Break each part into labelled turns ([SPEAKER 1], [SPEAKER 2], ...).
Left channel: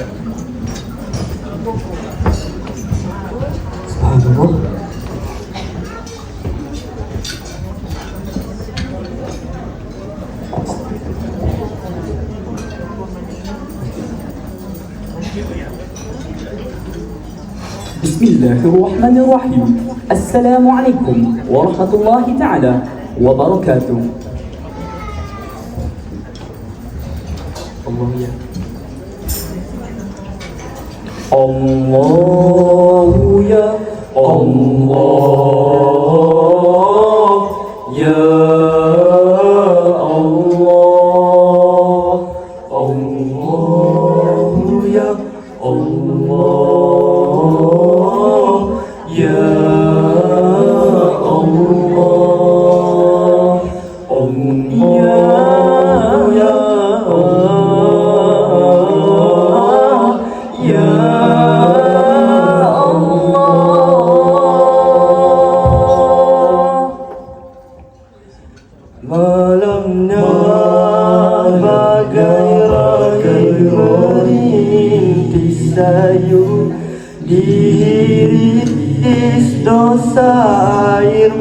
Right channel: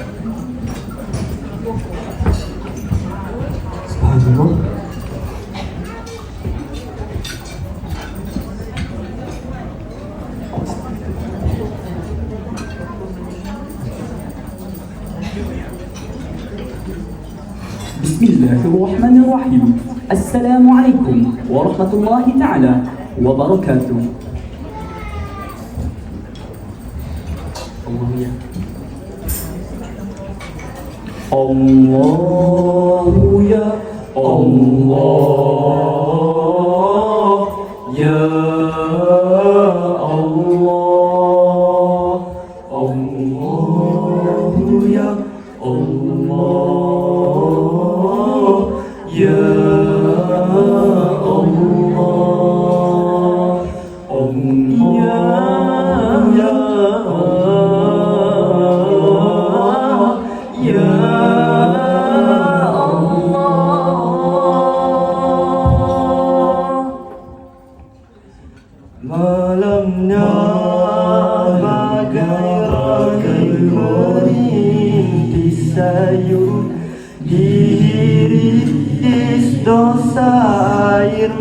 [SPEAKER 1] بسم الله الرحمن الرحيم. السلام عليكم ورحمة الله تعالى وبركاته. الله الله يا الله يا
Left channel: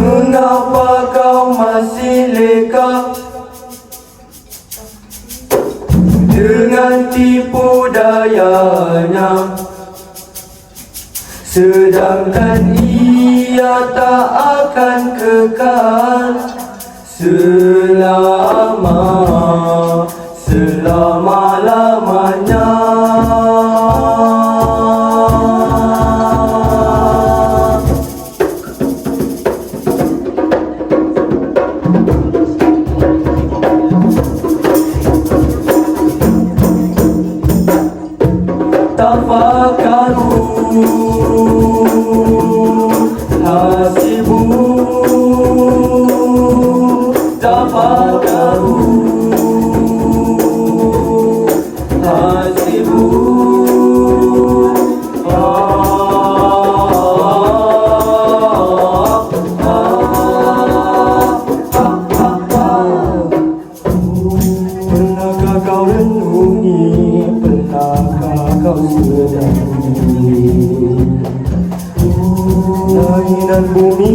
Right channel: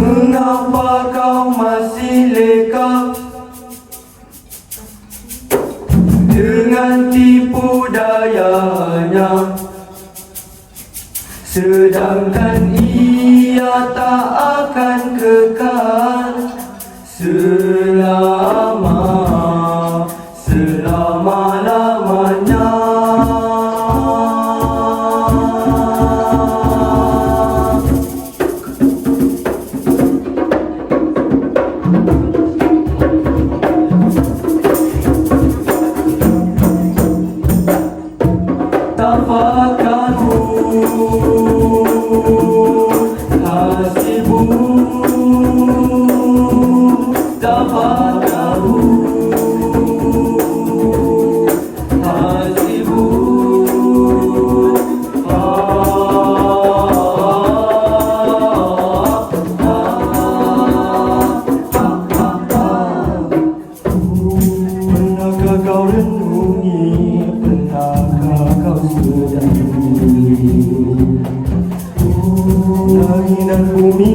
[SPEAKER 1] Mengapa kau masih leka Dengan tipu dayanya. Sedangkan ia tak akan kekal Sülama, sülama ഭൂമി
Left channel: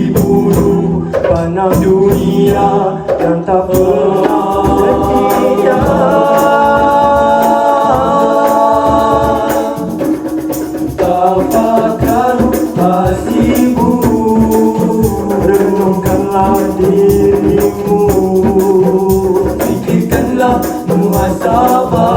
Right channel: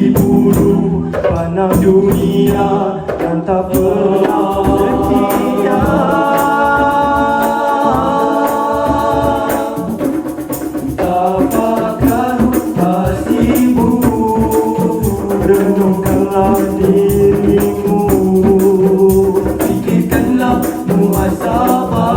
[SPEAKER 1] diburu panah dunia dan tak pernah ketika apakah nasibu renungkanlah dirimu. Fikirkanlah muhasabah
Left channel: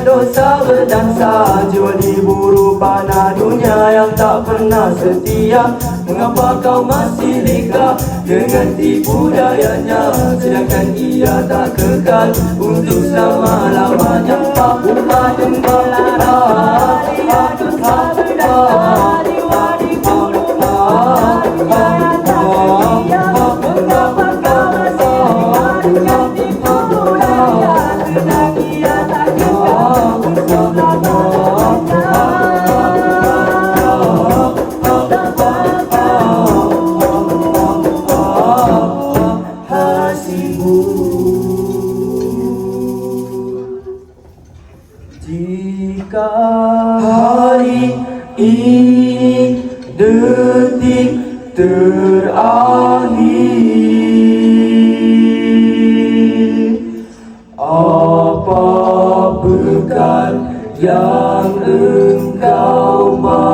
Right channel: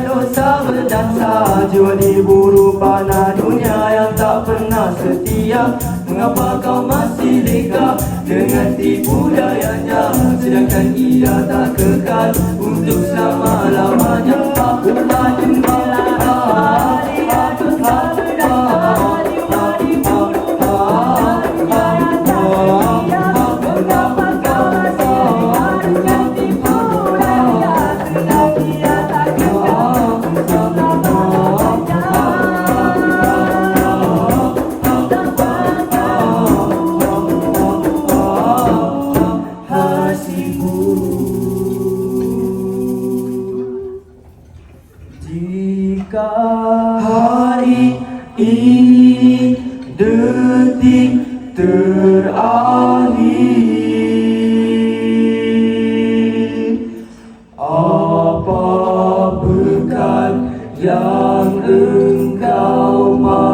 [SPEAKER 1] dosa berdansa Jeli diburu panah dunia yang tak pernah setia Mengapa kau masih lega dengan tipu dayanya Sedangkan ia tak kekal untuk selama-lamanya aku tak jumpa. Jika hari ini detik terakhir Apa berkat yang engkau mawa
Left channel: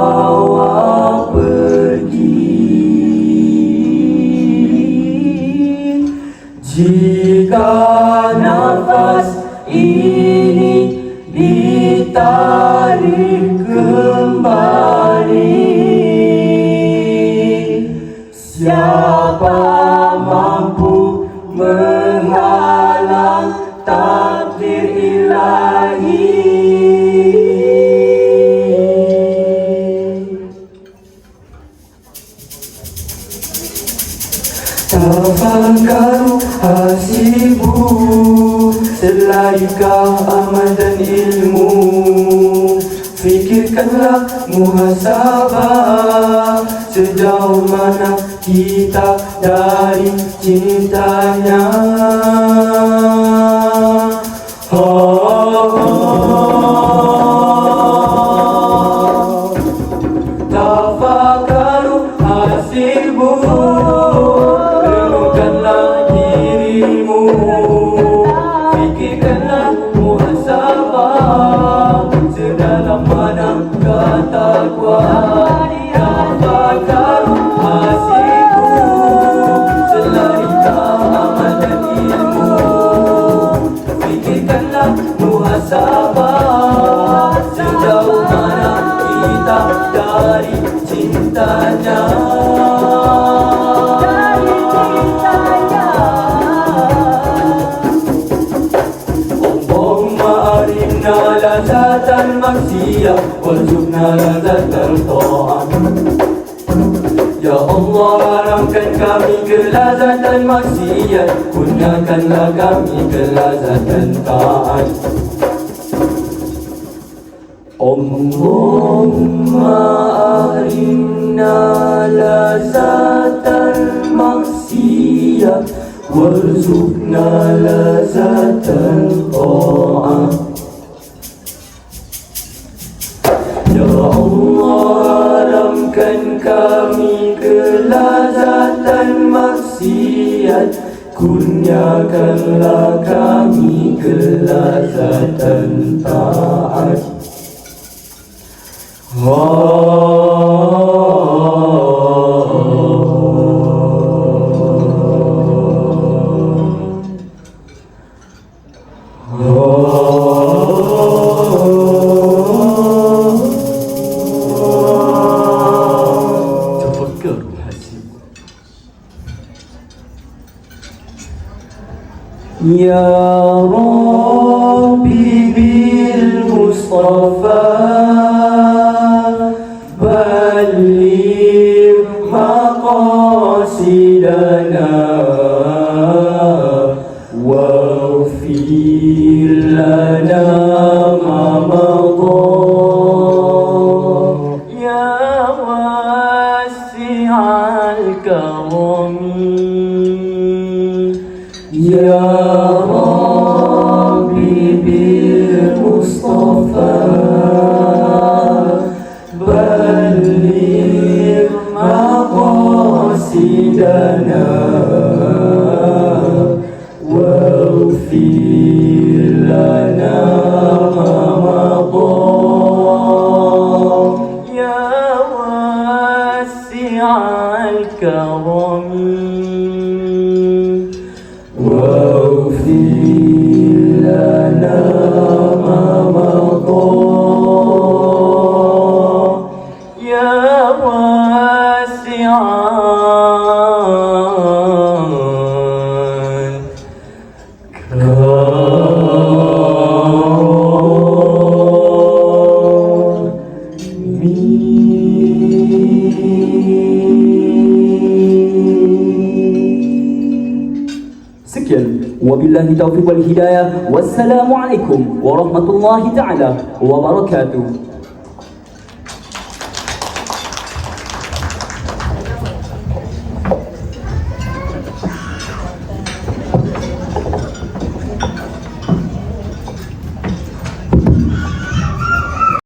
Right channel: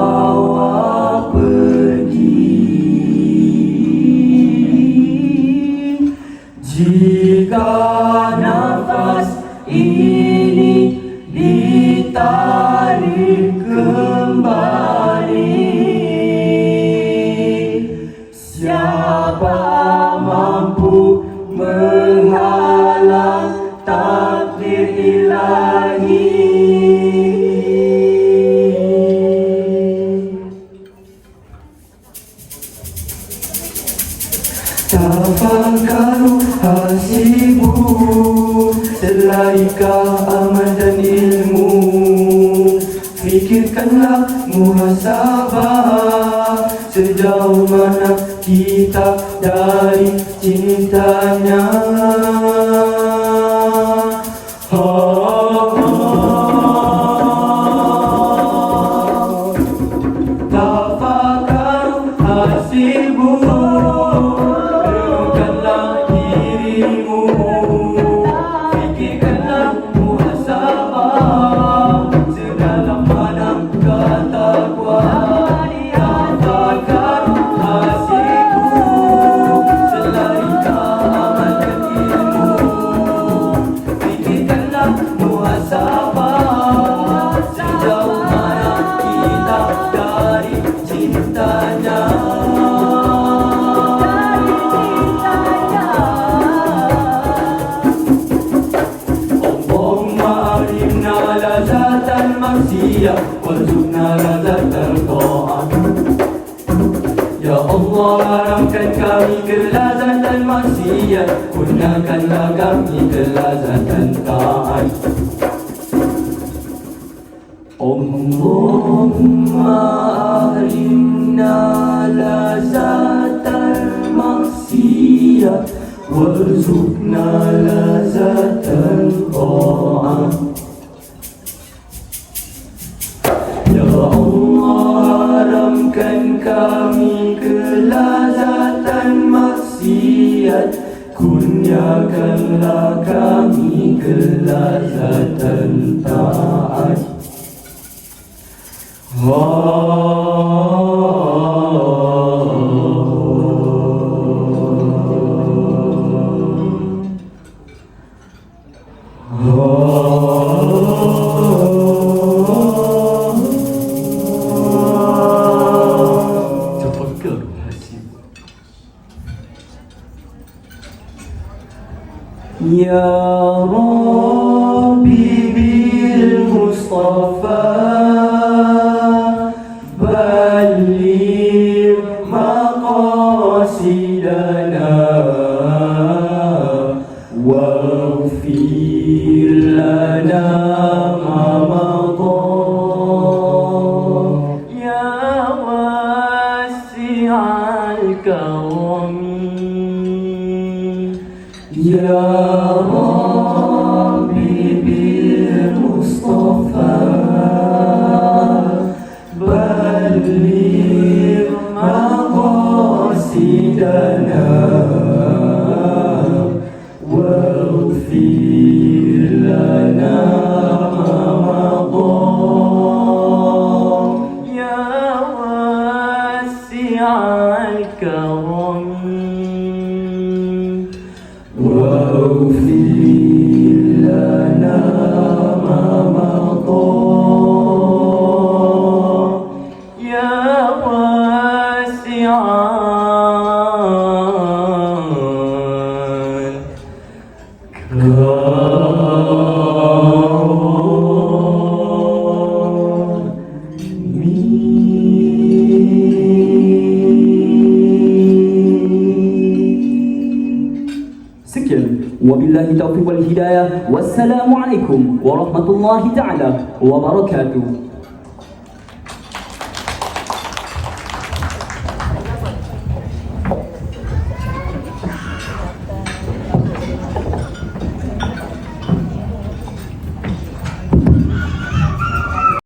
[SPEAKER 1] 다 Selaika amal dan ilmu. Fikirkanlah muhasabah. Sejauh mana kita dari cintanya maksiyah Warzuqna lazatan ta'at Ya Allah haramkan kami kelazatan maksiat Gunakanlah kami kelazatan taat Allahumma arimna lazatan maksiat Warzuqna lazatan wasiat kunyakanlah kami kelazatan taat Wah وعلم مقاصدنا واغفر لنا ما مضى. يا واسع الكرم. يا الريان وبالله التوفيق والهداية. والسلام عليكم ورحمة الله تعالى وبركاته.